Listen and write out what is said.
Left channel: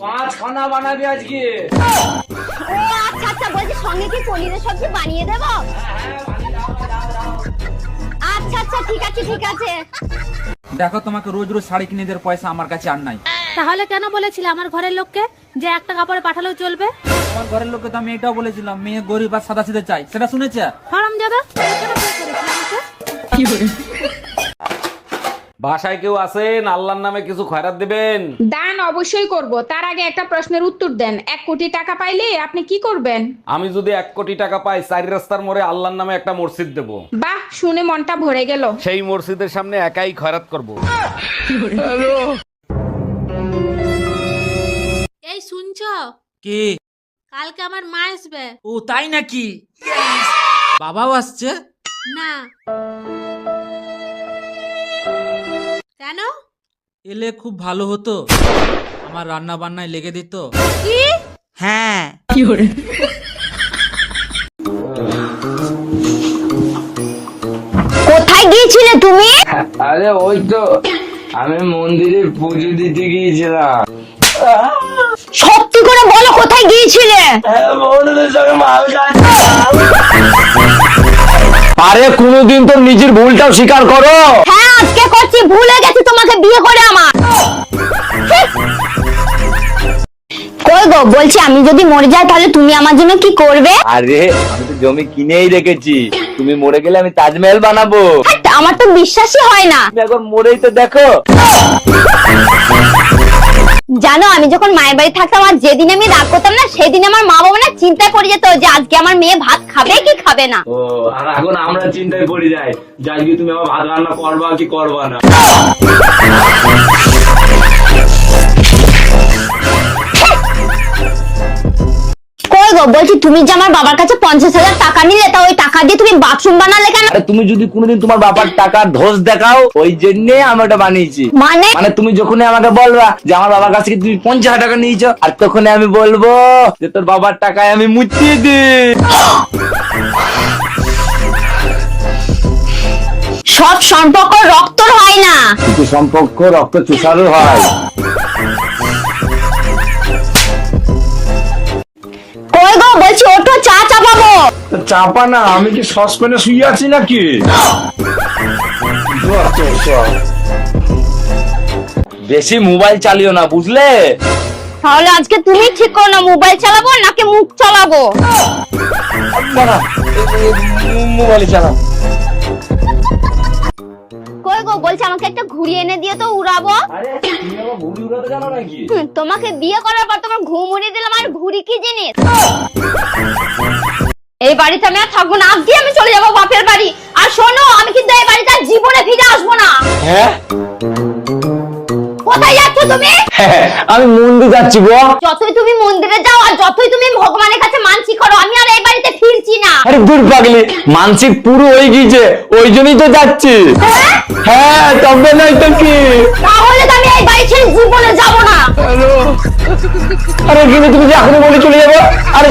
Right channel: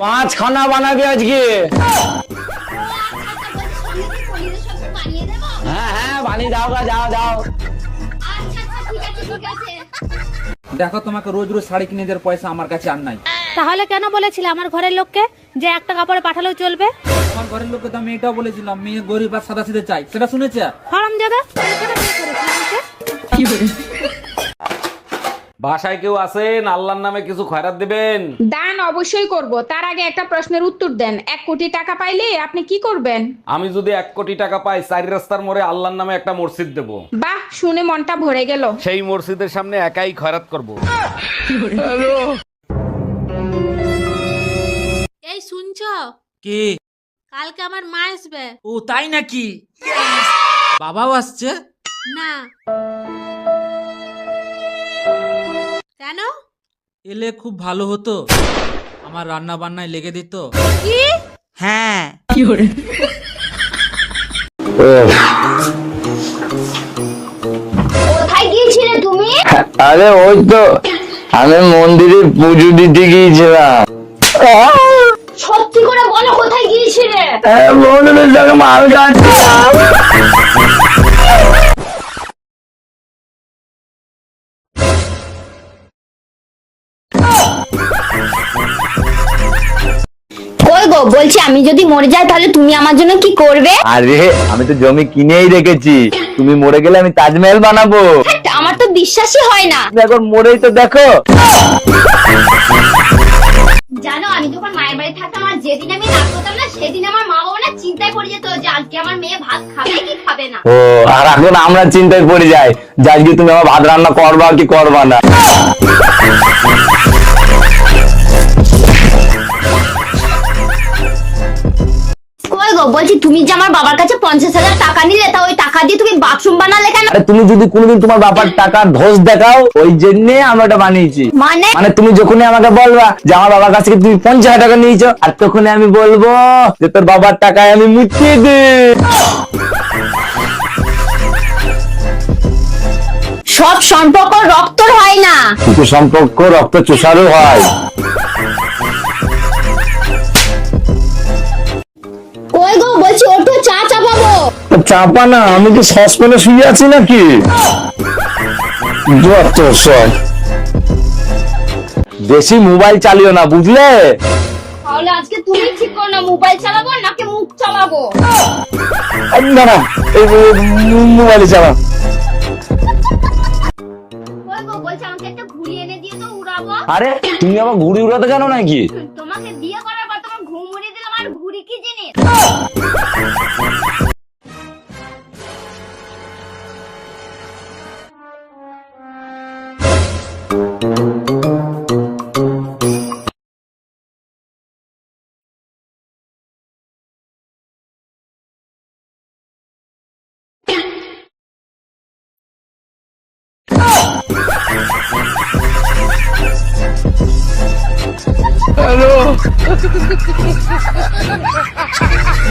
5 খানা বানাবি আজকে? আচ্ছা আচ্ছা, বলছি সঙ্গে কি পনিরের সবজি বানিয়ে দেবো? হ্যাঁ হ্যাঁ, বানিয়ে দাও গা, যাও দাও। আচ্ছা আচ্ছা, ঠিক আছে ঠিক আছে। দেখো তোমাকে রোজ রোজ শাড়ি কিনে দেওয়ার পয়সা আমার কাছে আর নাই। তাহলে কেন বলেছিলে আমার ঘরের লোককে যে একটা কাপড়ে পাঠালেও চলবে? আমার ঘরের লোককে তো আমি এটাও বলেছিলাম মেয়ে গরিব আর সাদা সিধে চাই, সেটা শুনেছে? হারামজাদা, কেন বিয়ে করেছিলে আমাকে? বাসায় কেউ আছেন? আল্লাহর নামে কিছু খয়রাত দিবেন। দান অবশ্যই করব, তার আগে একটা প্রশ্নের উত্তর দেন। 1 কোটি টাকা পাইলে আপনি কি করবেন? আমি যদি 1 কোটি টাকা পাই, 4 রাস্তার মোড়ে আল্লাহর নামে একটা মসজিদ দেব। বাহ, শুনে মনটা ভরে গেল। সেই মসজিদের সামনে একাই খয়রাত করব। এই শুনছ? কি? কালকে আমার মা আসবে। ও তাই নাকি? বাবাও আসছে? না। কেন? এলে খুব ভালো হতো, আমার রান্না বান্নায় লেগে দিত। কি? হ্যাঁ। কোথায় গিয়েছিলে তুমি? আরে ওই তো আমি মন্দিরে পুজো দিতে গিয়েছিলাম। সত্যি করে বলো কোথায় গিয়েছিলে? মন্দিরের সঙ্গে মাল খাচ্ছিলাম। আরে কোনোদিন তো নিজের ভুলটাও স্বীকার করো। হ্যাঁ আজকে করছি, ভুলে গেছি তোমাকে বিয়ে করে আমার। কই গো, বলছি আমি যদি মরে যাই তাহলে তুমি আমার জন্য কি করবে? আরে আমি তো জমি কিনেই রেখেছি, তুমি মরে গেলে আমি তাজমহল বানাবো। হ্যাট, আমার তো বিশ্বাসই হয় না। তুমি এখন মরেই তো দেখো। জানো আমি যখন মায়ের বাড়ি থাকতাম আর যেদিন আমি রাগ করতাম না, সেদিন আমার মা বাবা না চিন্তায় পড়ে যেত যে আজকে আমার মেয়ে ভাত খাবে কি খাবে না। ও, আর এখন আমরা চিন্তায় পড়ে যাই যে আজকে তুমি আমার ভাত রান্না করবা কি করবা না। কই গো, বলছি তুমি যে আমার বাবার কাছে 50,000 টাকা নিলে, তা ওই টাকা দিয়ে তুমি বাথরুম বানালে কেন? আরে তুমি যদি কোনোদিন তোমার বাবার টাকা ধোস দেখাও, ওই জন্য আমি ওটা বানিয়েছি। মানে মানে তুমি যখনই আমাকে বলবা যে আমার বাবার কাছ থেকে তুমি 50,000 টাকা নিয়েছো, আর তখনই আমি বলবো যে তোর বাবার টাকায় আমি মুচিয়ে দিই। সব সম্পর্ক রক্তর হয় না। কিছু সম্পর্ক রক্ত চোষারও হয়। কই গো, বলছি ওঠো, চা চাপাবো। চাপা না, আমি কি সসপ্যানে শুয়ে আছি নাকি? যত সব। বেশি মোবাইল চালিও না, বুঝলে? তাহলে আজকে তুমি ঠিক করো না, মোবাইল চালাবো নাকি মুখ চালাবো? মোবাইলে চালা। কই গো, বলছি আমাকে একটা ঘুড়ি এনে দিয়ে তো উড়াবো। আরে তুমি আমার ঘুড়ি উড়াতে জানো নাকি? তোমাকে বিয়ে করার পর তোমার ঘুম উড়িয়ে দিলাম, আর ঘুড়ি কি জিনিস? এই বাড়িতে আমি আর থাকবো না, আজকে আমি চলে যাবো বাপের বাড়ি। আর শোনো, আমি কিন্তু এই বাড়িতে আর জীবনে ফিরে আসবো না। হ্যাঁ, কোথায় যাচ্ছ তুমি? আমি মন্দির যাচ্ছি গো। যতই তুমি মন্দিরে যাও আর যতই তুমি ভগবানের কাছে মানসি করো, আমি আর এই বাড়িতে ফিরছি না। আরে দূর পাগলি, মানসিক পুরো হয়ে গিয়েছে, ওই জন্যই তো যাচ্ছি। হ্যাঁ, তবে নয় তো কি? তাহলে তো আমি এই বাড়ি ছেড়ে জীবনে যাবো না। হ্যালো, আরে কিন্তু তুমি যে এখনই বলে চলে যাবো। আরে